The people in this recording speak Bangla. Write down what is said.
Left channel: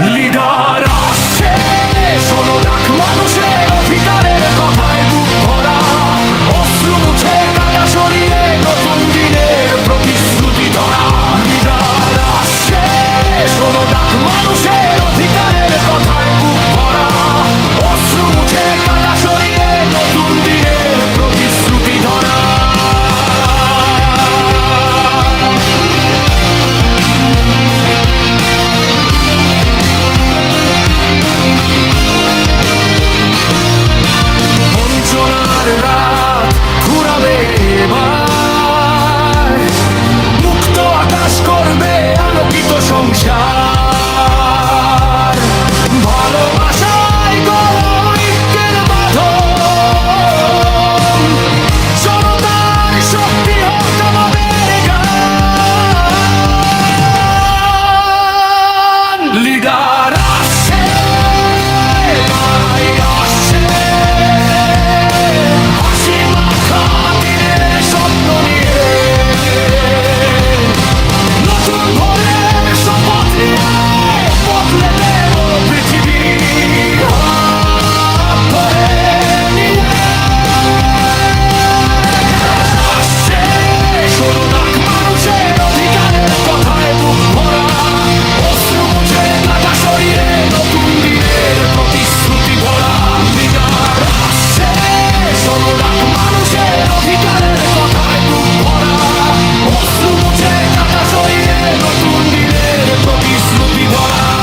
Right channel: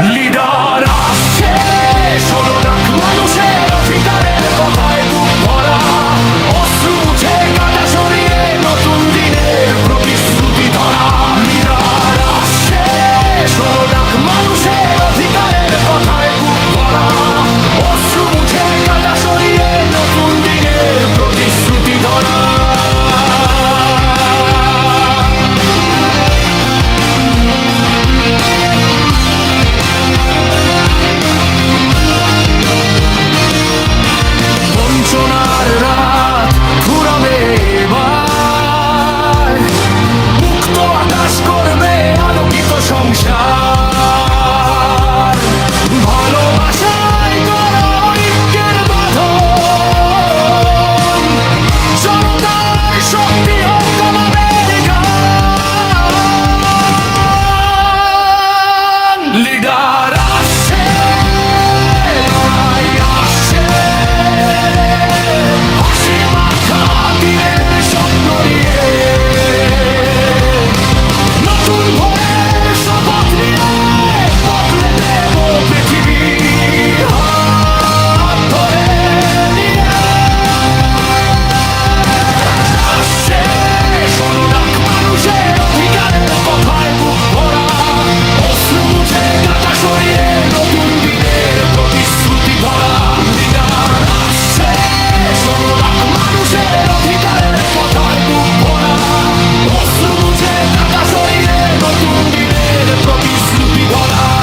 লিডার আসছে। শোনো ডাক মানুষের অধিকারের কথায় বুক ভরা। অশ্রু মুছে কাটা সরিয়ে প্রতিশ্রুতি ধরা। লিডার আসছে। শোনো ডাক মানুষের অধিকারের কথায় বুক ভরা। অশ্রু মুছে রাত ঘুরাবে এবার। মুক্ত আকাশ করবে আলোকিত সংসার। শ্রুতি ধরা।